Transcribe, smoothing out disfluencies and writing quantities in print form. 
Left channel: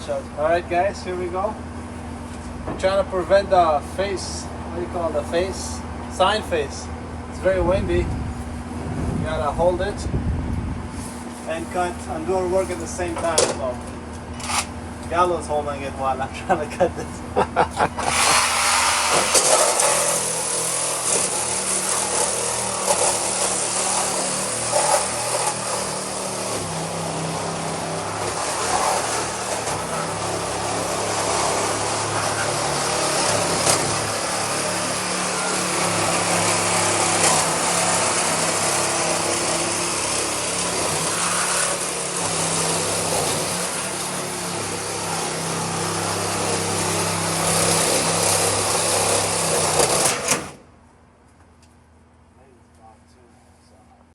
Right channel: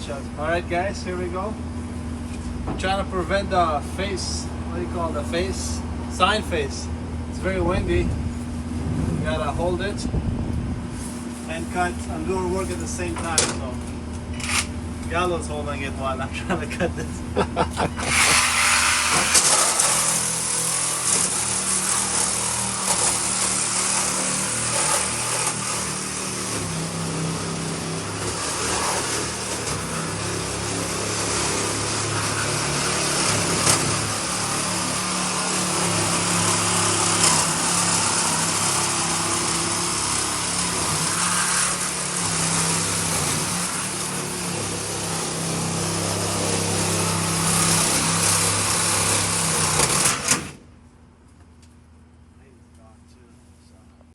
shot. Alright guys, here we go. I'm trying to prevent the face, what do you call it, the face? Sign face. It's very windy. You gotta hold it and cut and do our work at the same time. So Gallo's holding it while I'm trying to cut this.